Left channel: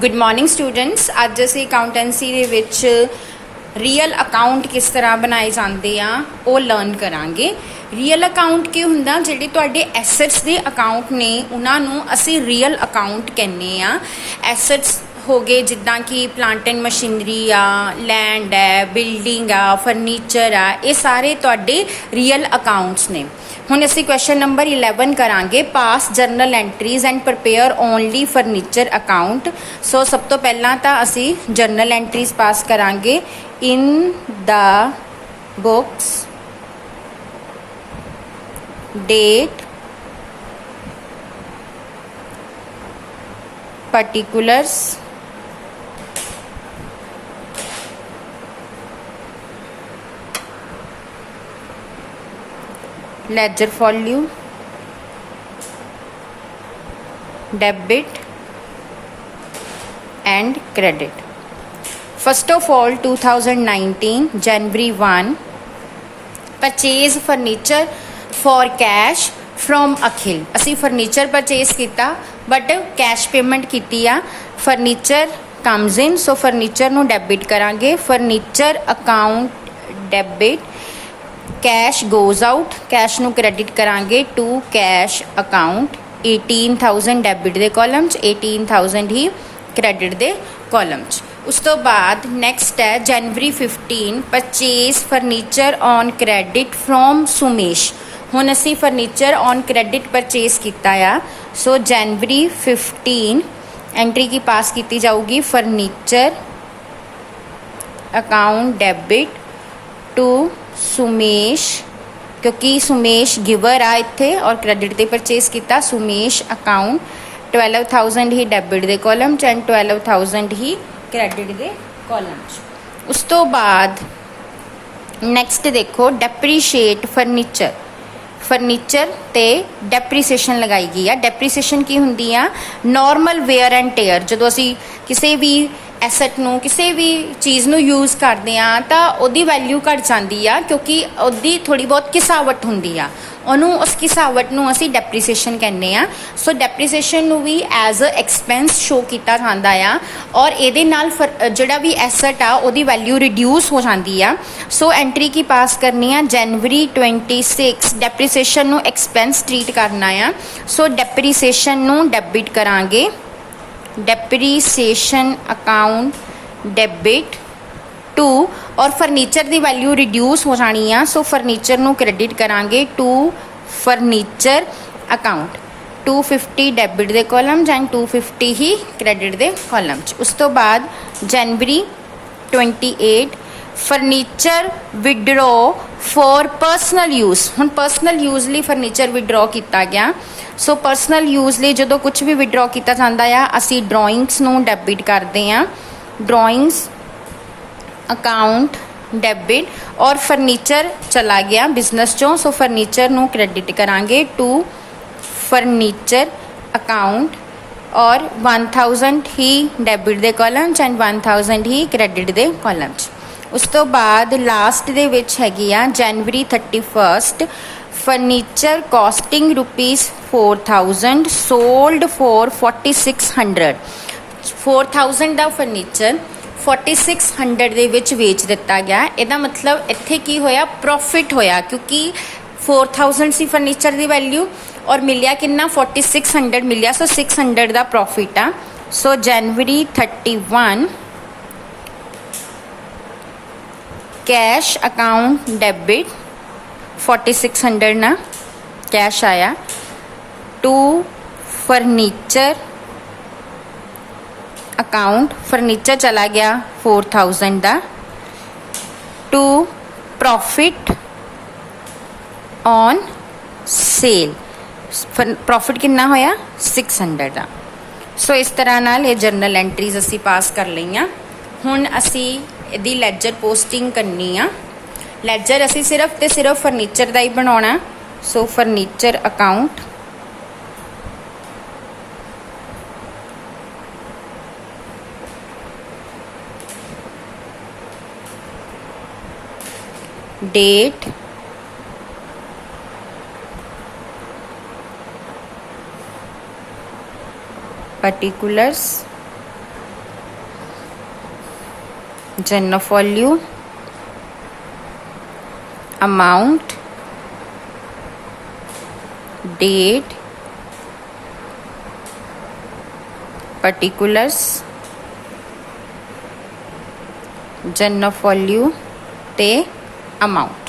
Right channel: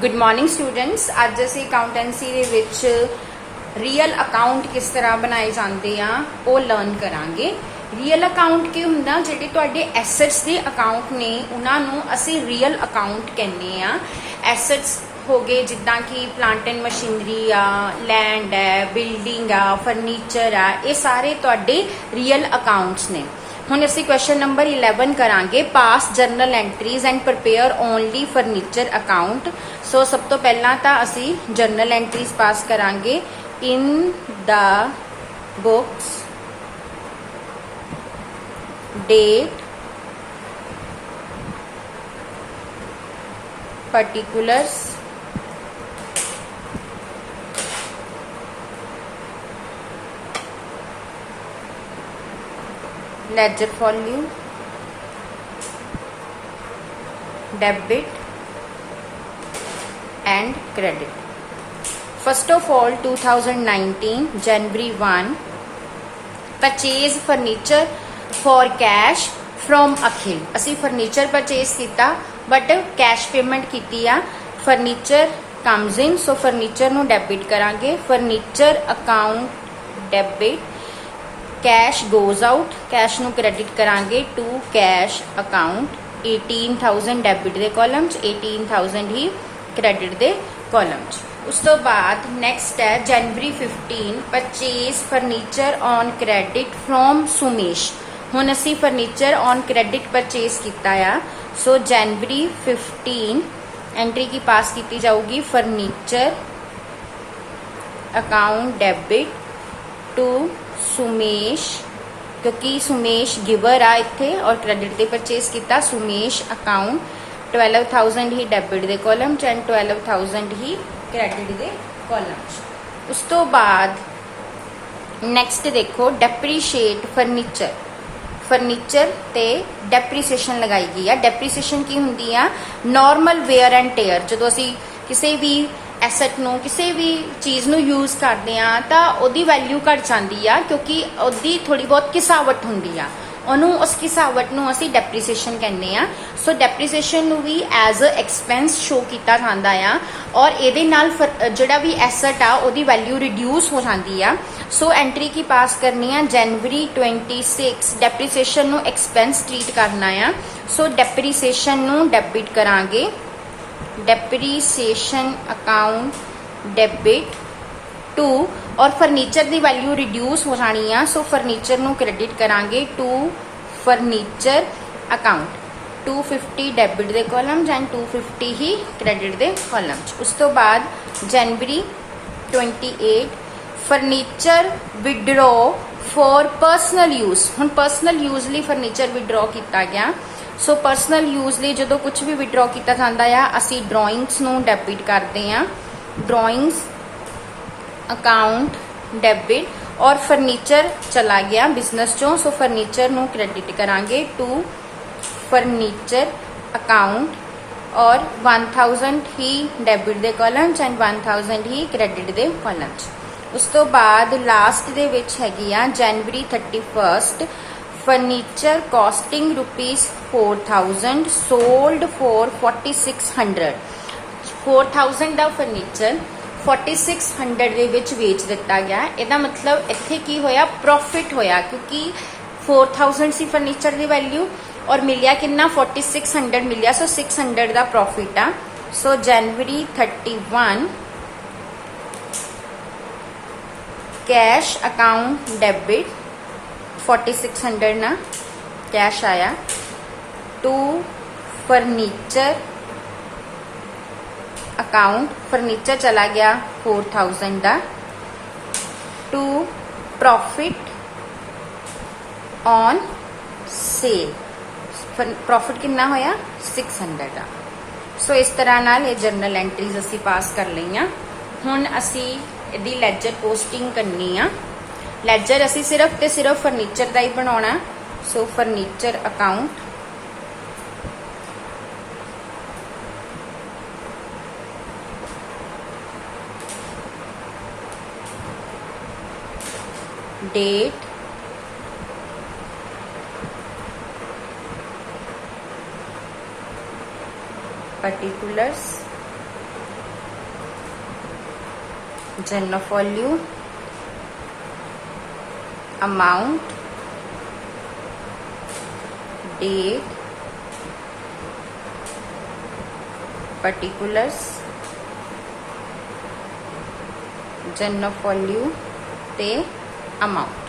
Good morning students. अज असी accountancy दे विच रीयल अकाउंट किस तरह बनाए जाते हैं वो लर्न करांगे। रीयल अकाउंट की हुंदा जिहड़े तुहाडे एसेट्स दे अकाउंट ने उन्हां नूं असी रीयल अकाउंट कहने आ। एसेट्स हो गए जिद्दां कि प्लांट एंड मशीनरी आ, लैंड है, बिल्डिंग आ, फर्नीचर आ, ये सारे तुहाडे रियल अकाउंट्स ने। हुण असी क्वेश्चन नंबर 11 करांगे, pass journal entries and prepare only furniture account. So सब तो पहला तो असी जर्नल एंट्रीज पास करांगे। In the books date particulars ledger volume, debit and credit. First of all, 2019 January 1, purchase furniture for cash from Akhil। असी furniture purchase किया but cash payment की आ। Furniture comes in, so furniture नू debit करांगे। Furniture account debit, cash goes out, cash नू credit करांगे to cash account. 18,000 debit दे column च, 18,000 ही क्रेडिट दे कॉलम च। उस तो बाद नैक्सट है जनवरी 15 purchase furniture on credit from Sumesh. हुण असी फर्नीचर ऑन क्रेडिट परचेज किया आ। सो जनवरी 15 एंट्री की पास की जाऊगी furniture account debit to Sumesh, क्योंकि सुमेश गिवर आ इत्थे और क्रेडिट दे परचेज किया। सुमेश अकाउंट 12,000 ही डेबिट दे कॉलम च एंड 12,000 ही क्रेडिट दे कॉलम च। उस तो बाद नैक्सट देखो डेप्रीशिएट फर्नीचर। फर्नीचर ते डेप्रीसीएशन लगाई गई है। डेप्रीसीएशन की हुंदी आ नॉर्मल वेयर एंड टेयर। जो असी किसी भी एसैट नूं किसी भी चीज़ नूं यूज़ करते हैं तो उहदी वैल्यू घट जाती है, क्योंकि उहदी थोड़ी बहुत घिसावट हुंदी आ। उन्होंने उस घिसावट नूं असी डेप्रीसीएशन कहने आ। सो डेप्रीसीएशन नूं भी एज अ एक्सपेंस शो किया जाता है और ये नाल जिहड़ा भी एसैट आ उहदी वैल्यू रिड्यूस हो जाती है। सो एंट्री की पास करनी है जनवरी 26 डेप्रीसीएशन नूं एक्सपेंस ट्रीट करना है। सो डेप्रीसीएशन नूं डेबिट करांगे। डेप्रीसीएशन अकाउंट डेबिट टू, और फर्नीचर की वैल्यू रिड्यूस हो जानी है। सो फर्नीचर नूं क्रेडिट करांगे टू फर्नीचर अकाउंट। 250 डेबिट दे कॉलम एंड 250 ही क्रेडिट दे कॉलम। उस तो बाद जनवरी 28 furniture withdraw for personal use. हुण पर्सनल यूज़ लिए फर्नीचर विड्रॉ किया गया। सो पर्सनल यूज़ लिए जो कुछ भी विड्रॉ किया जाता है असी ड्राइंग्स नूं डेबिट करते हैं। ड्राइंग्स अकाउंट डेबिट, और फर्नीचर चला गया बिजनेस चों। सो फर्नीचर नूं क्रेडिट करांगे टू फर्नीचर अकाउंट और 1000 ही डेबिट दे कॉलम एंड 1000 ही क्रेडिट दे कॉलम। उस तो बाद लास्ट दे विच हैगी आ जनवरी 31 फर्नीचर कॉस्टिंग ₹4000 सोल्ड फॉर 4600। 4000 का फर्नीचर 4600 दे विच वेच दिता गया। इहदा मतलब इत्थे की होया, प्रॉफिट होया, क्योंकि 4000 सी फर्नीचर की वैल्यू और मिलिया कितना 4600 मिलिया। सो 600 का प्रॉफिट आ। सो जनवरी 31 कैश अकाउंट डेबिट 4600 ना कैश आया टू फर्नीचर अकाउंट। फर्नीचर चला गया 4000 का to profit on sale. Profit कितना होया 600 का। सो इस तरह नाल ये जर्नल एंट्रीज असी पास कर लईआं। हुण असी इहदी लैजर पोस्टिंग करनी आ। लैजर असी सिर्फ ते सिर्फ फर्नीचर का ही बनाउणा। So furniture account date particulars Genofoliu, amount, date, particulars, Genofoliu ਤੇ amount।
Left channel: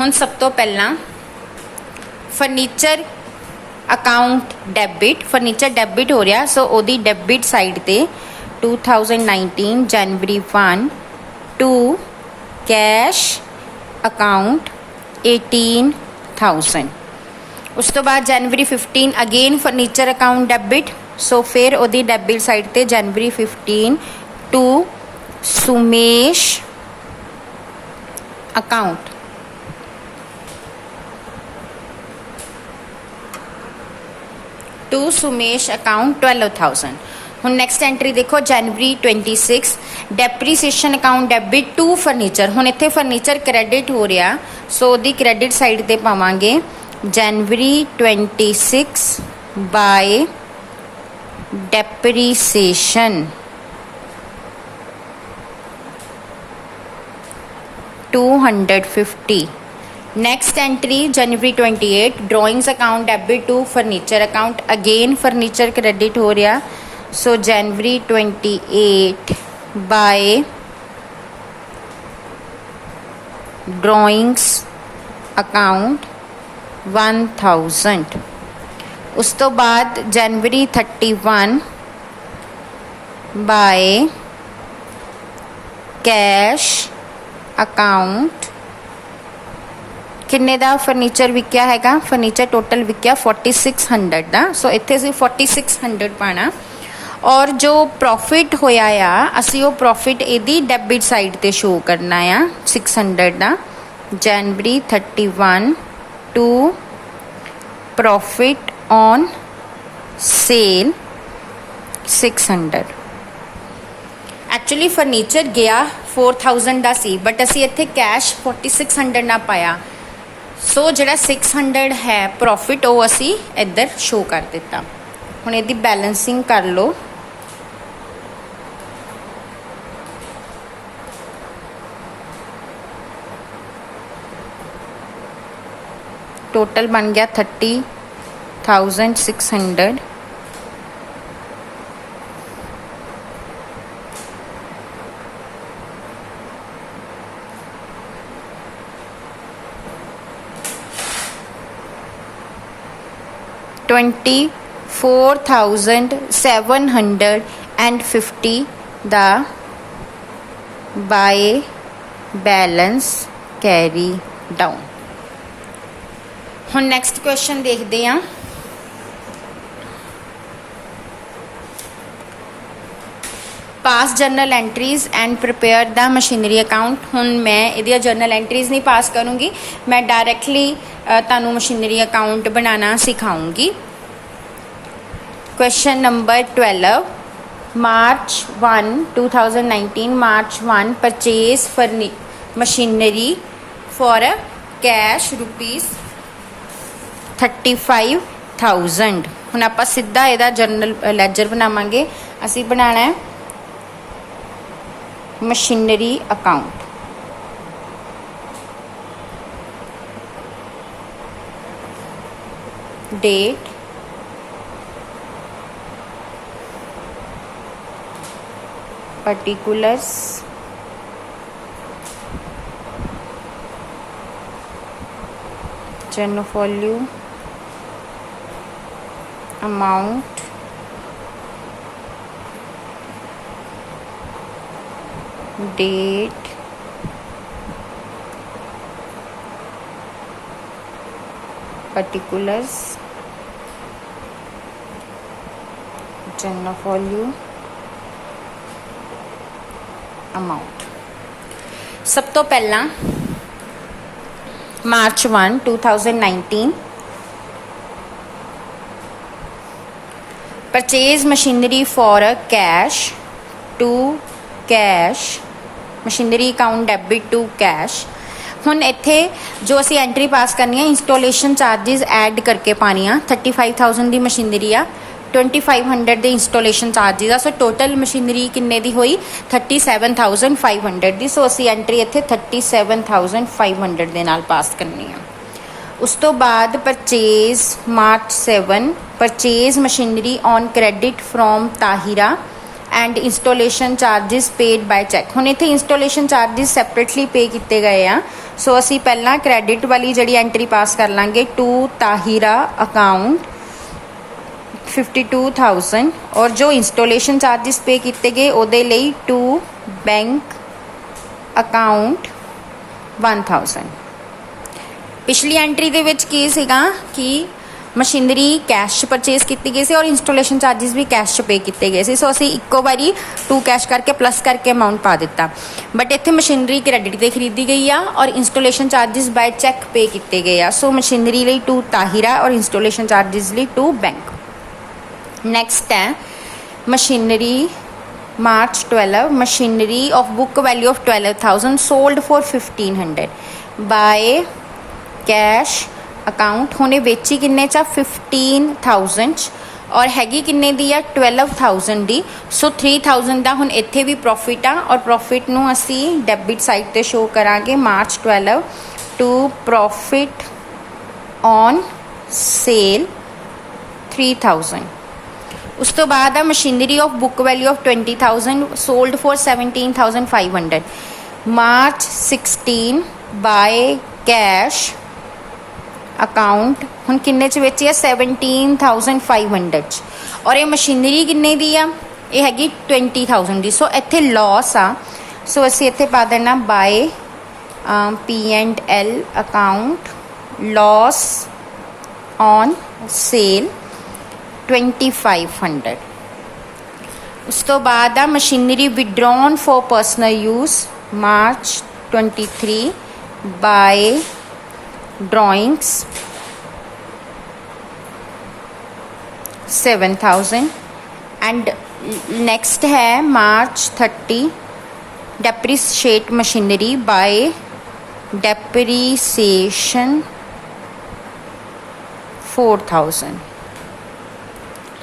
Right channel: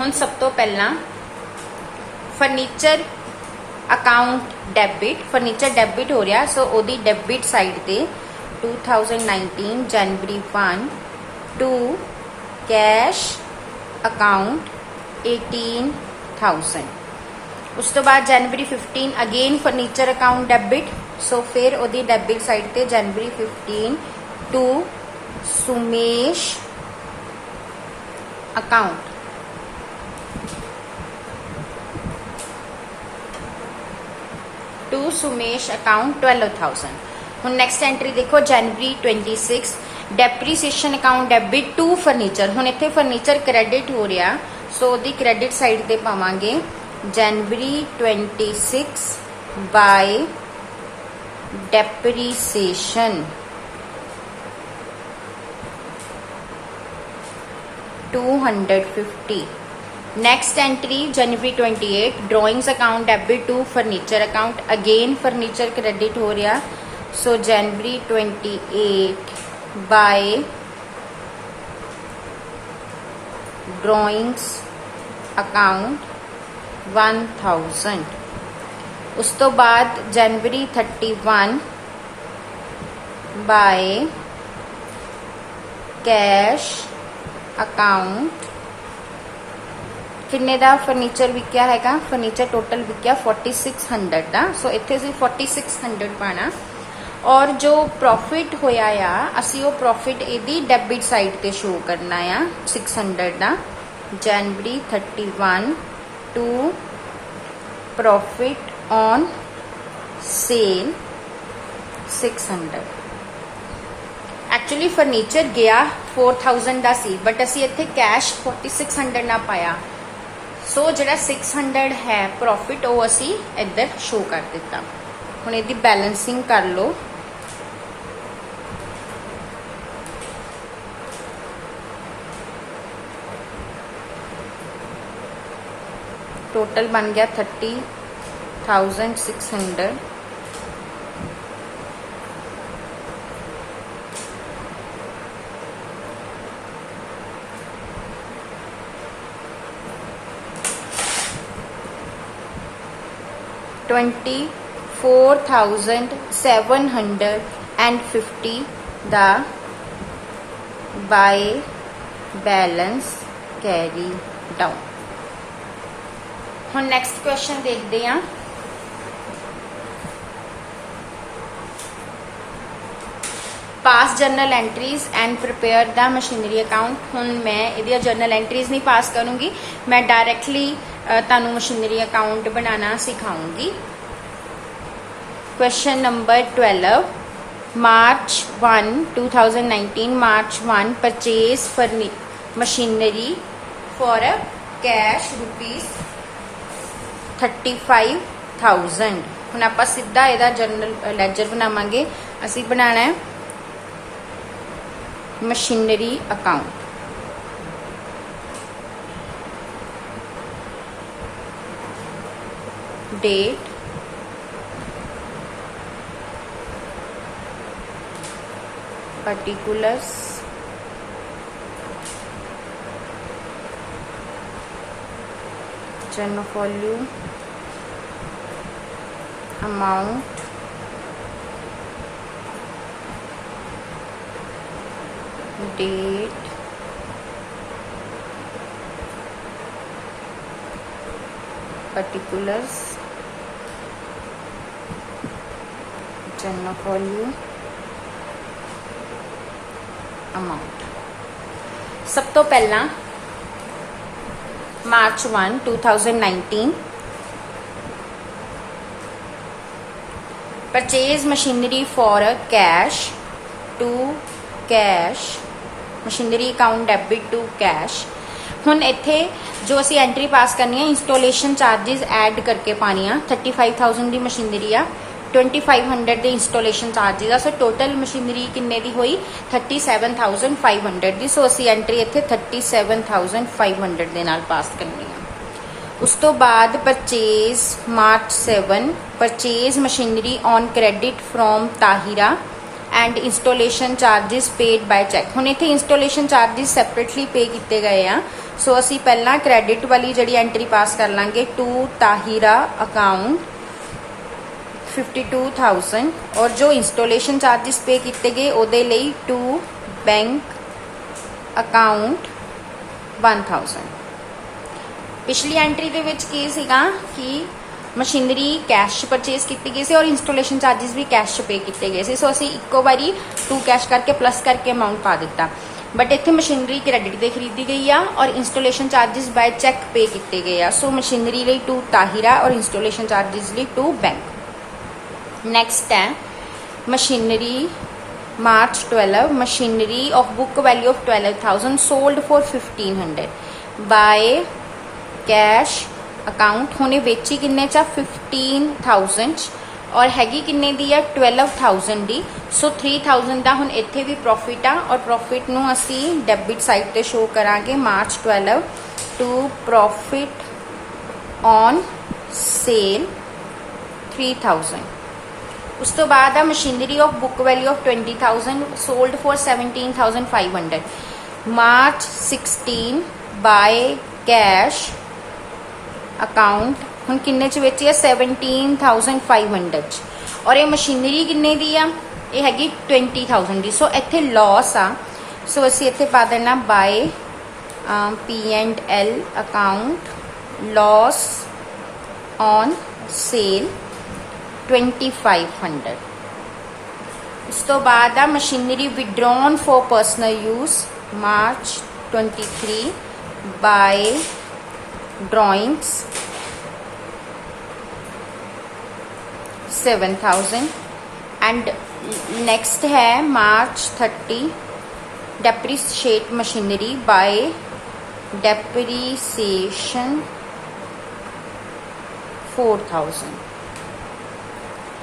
ਹੁਣ ਸਭ ਤੋਂ ਪਹਿਲਾਂ furniture account debit, furniture debit ਹੋ ਰਿਹਾ, ਸੋ ਉਹਦੀ ਡੈਬਿਟ ਸਾਈਡ ਤੇ 2019 ਜਨਵਰੀ 1 ਟੂ ਕੈਸ਼ ਅਕਾਊਂਟ 18,000। ਉਸ ਤੋਂ ਬਾਅਦ ਜਨਵਰੀ 15 again furniture account debit, so ਫਿਰ ਉਹਦੀ ਡੈਬਿਟ ਸਾਈਡ ਤੇ ਜਨਵਰੀ 15 to Sumesh account to Sumesh account 12,000। ਹੁਣ ਨੈਕਸਟ ਐਂਟਰੀ ਦੇਖੋ ਜਨਵਰੀ 26 depreciation account debit to furniture. ਹੁਣ ਇੱਥੇ ਫਰਨੀਚਰ ਕ੍ਰੈਡਿਟ ਹੋ ਰਿਹਾ, ਸੋ ਉਹਦੀ ਕ੍ਰੈਡਿਟ ਸਾਈਡ ਤੇ ਪਾਵਾਂਗੇ ਜਨਵਰੀ 26 ਬਾਏ ਡੈਪਰੀਸੀਏਸ਼ਨ 250। नेक्स्ट एंट्री जनवरी 28 drawings account debit to furniture account, again furniture credit हो रहा, सो जनवरी 28 बाय ड्राइंग्स अकाउंट 1000। उस तो बाद जनवरी 31 बाय कैश अकाउंट किन्ने दा फर्नीचर विकिया हैगा, फर्नीचर टोटल विकिया 4600 का, सो इत्थे असीं 4600 पाना। और जो प्रॉफिट होया आ असीं वो प्रॉफिट इहदी डेबिट साइड ते शो करना आ 600 का। जनवरी 31 to profit on sale 600। Actually furniture गया 4000 का सी, बट असीं इत्थे कैश 4600 ना पाया, सो जिहड़ा 600 है प्रॉफिट वो असी इधर शो कर दिता। हुण इहदी बैलेंसिंग कर लो, टोटल बन गया 30,600। $24,750 दा बाय बैलेंस कैरी डाउन। हुण नैक्सट क्वेश्चन देखते हैं। पास journal entries and prepare the machinery account. हुण मैं इहदी जर्नल एंट्रीज नहीं पास करूँगी, मैं डायरैक्टली तुहानूं मशीनरी अकाउंट बनाना सिखाऊंगी। Question number 12 March 1 2019 March 1 purchase machinery for cash ₹35,000। हुण आपां सीधा इहदा जर्नल लैजर बनावांगे। असीं बनाना है machinery account. Date, particulars, Genofoliu, amount, date, particulars, Genofoliu, amount. सब तो पहला मार्च 1 2019 purchase machinery for cash to cash, machinery account debit to cash. हुण इत्थे जो असी एंट्री पास करनी है इंस्टॉलेशन चार्जिज ऐड करके पानी आ। 35,000 की मशीनरी आ 2500 ਦੇ ਇੰਸਟਾਲੇਸ਼ਨ ਚਾਰजेस ਆ। ਸੋ ਟੋਟਲ ਮਸ਼ੀਨਰੀ ਕਿੰਨੇ ਦੀ ਹੋਈ 37500 ਦੀ। ਸੋ ਅਸੀਂ ਐਂਟਰੀ ਇੱਥੇ 37500 ਦੇ ਨਾਲ ਪਾਸ ਕਰਨੀ ਹੈ। ਉਸ ਤੋਂ ਬਾਅਦ purchase March 7 purchase machinery on credit from Tahira and installation charges paid by cheque. ਹੁਣ ਇੱਥੇ ਇੰਸਟਾਲੇਸ਼ਨ ਚਾਰजेस ਸੈਪਰੇਟਲੀ ਪੇ ਕੀਤੇ ਗਏ ਆ। ਸੋ ਅਸੀਂ ਪਹਿਲਾਂ ਕ੍ਰੈਡਿਟ ਵਾਲੀ ਜਿਹੜੀ ਐਂਟਰੀ ਪਾਸ ਕਰ ਲਾਂਗੇ ਟੂ ਤਾਹਿਰਾ ਅਕਾਊਂਟ 52,000 ਔਰ ਜੋ ਇੰਸਟਾਲੇਸ਼ਨ ਚਾਰजेस ਪੇ ਕੀਤੇ ਗਏ ਉਹਦੇ ਲਈ ਟੂ ਬੈਂਕ ਅਕਾਊਂਟ 1000। ਪਿਛਲੀ ਐਂਟਰੀ ਦੇ ਵਿੱਚ ਕੀ ਸੀਗਾ ਕਿ ਮਸ਼ੀਨਰੀ ਕੈਸ਼ ਪਰਚੇਸ ਕੀਤੀ ਗਈ ਸੀ ਔਰ ਇੰਸਟਾਲੇਸ਼ਨ ਚਾਰजेस ਵੀ ਕੈਸ਼ ਪੇ ਕੀਤੇ ਗਏ ਸੀ। ਸੋ ਅਸੀਂ ਇੱਕੋ ਵਾਰੀ ਟੂ ਕੈਸ਼ ਕਰਕੇ ਪਲੱਸ ਕਰਕੇ ਅਮਾਉਂਟ ਪਾ ਦਿੱਤਾ। ਬਟ ਇੱਥੇ ਮਸ਼ੀਨਰੀ ਕ੍ਰੈਡਿਟ ਤੇ ਖਰੀਦੀ ਗਈ ਆ ਔਰ ਇੰਸਟਾਲੇਸ਼ਨ ਚਾਰजेस ਬਾय ਚੈੱਕ ਪੇ ਕੀਤੇ ਗਏ ਆ। ਸੋ ਮਸ਼ੀਨਰੀ ਲਈ ਟੂ ਤਾਹਿਰਾ ਔਰ ਇੰਸਟਾਲੇਸ਼ਨ ਚਾਰजेस ਲਈ ਟੂ ਬੈਂਕ। ਨੈਕਸਟ ਹੈ machinery March 12 machinery of book value of 12,000 sold for 1500 ਬਾय cash account. ਹੁਣੇ ਵੇਚੀ ਕਿੰਨੇ ਚ 15,000 ਚ ਔਰ ਹੈਗੀ ਕਿੰਨੇ ਦੀ ਆ 12,000 ਦੀ। ਸੋ 3,000 ਦਾ ਹੁਣ ਇੱਥੇ ਵੀ ਪ੍ਰੋਫਿਟ ਆ ਔਰ ਪ੍ਰੋਫਿਟ ਨੂੰ ਅਸੀਂ ਡੈਬਿਟ ਸਾਈਡ ਤੇ ਸ਼ੋ ਕਰਾਂਗੇ ਮਾਰਚ 12 ਟੂ ਪ੍ਰੋਫਿਟ ਔਨ ਸੇਲ 3,000। ਉਸ ਤੋਂ ਬਾਅਦ ਆ machinery of book value of 20,000 sold for 17,500 ਮਾਰਚ 16 ਬਾय ਕੈਸ਼ ਅਕਾਊਂਟ। ਹੁਣ ਕਿੰਨੇ ਚ ਵੇਚੀ ਆ 17,500 ਚ ਔਰ ਇਹ ਮਸ਼ੀਨਰੀ ਕਿੰਨੇ ਦੀ ਆ ਇਹ ਹੈਗੀ 20,000 ਦੀ। ਸੋ ਇੱਥੇ ਲਾਸ ਆ। ਸੋ ਅਸੀਂ ਇੱਥੇ ਪਾ ਦੇਣਾ by P&L account loss on sale 2500। ਉਸ ਤੋਂ ਬਾਅਦ ਆ machinery withdrawn for personal use March 23 by drawings 7,000 and next है March 30 depreciate machinery by depreciation 4,000।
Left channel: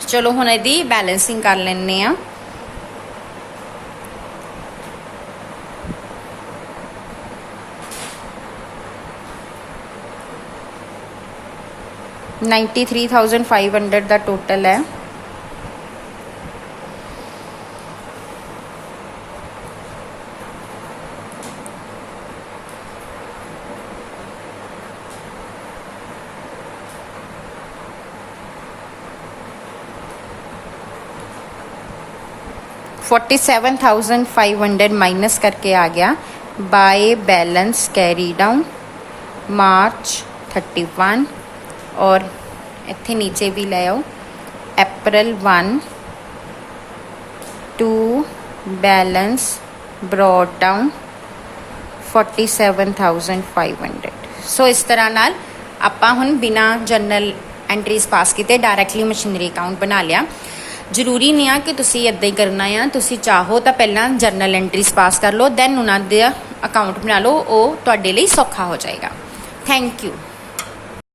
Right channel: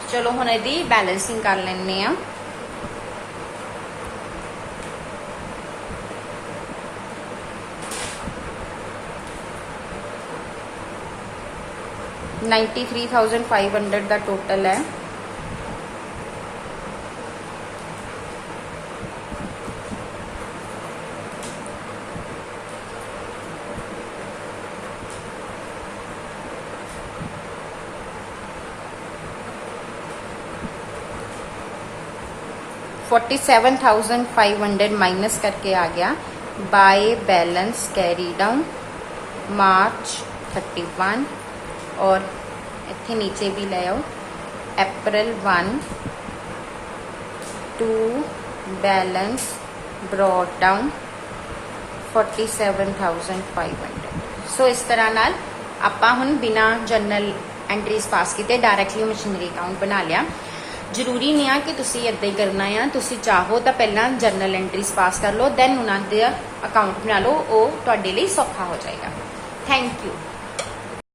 चलो हुण इहदी बैलेंसिंग कर लैने आ। $93,500 ਦਾ ਟੋਟਲ ਹੈ। $47,500 माइनस करके आ गया बाय बैलेंस कैरी डाउन मार्च 31 और इतने नीचे भी ले आओ अप्रैल 1 टू बैलेंस ब्रॉट डाउन 47,500। सो इस तरह नाल आपां हुण बिना जर्नल एंट्रीज पास किते डायरैक्टली मशीनरी अकाउंट बना लिया। ਜ਼ਰੂਰੀ ਨਹੀਂ ਆ ਕਿ ਤੁਸੀਂ ਇੱਦਾਂ ਹੀ ਕਰਨਾ ਆ। ਤੁਸੀਂ ਚਾਹੋ ਤਾਂ ਪਹਿਲਾਂ ਜਰਨਲ ਐਂਟਰੀਜ਼ ਪਾਸ ਕਰ ਲਓ ਦੈਨ ਉਹਨਾਂ ਦਾ ਅਕਾਊਂਟ ਬਣਾ ਲਓ, ਉਹ ਤੁਹਾਡੇ ਲਈ ਸੌਖਾ ਹੋ ਜਾਏਗਾ। Thank you.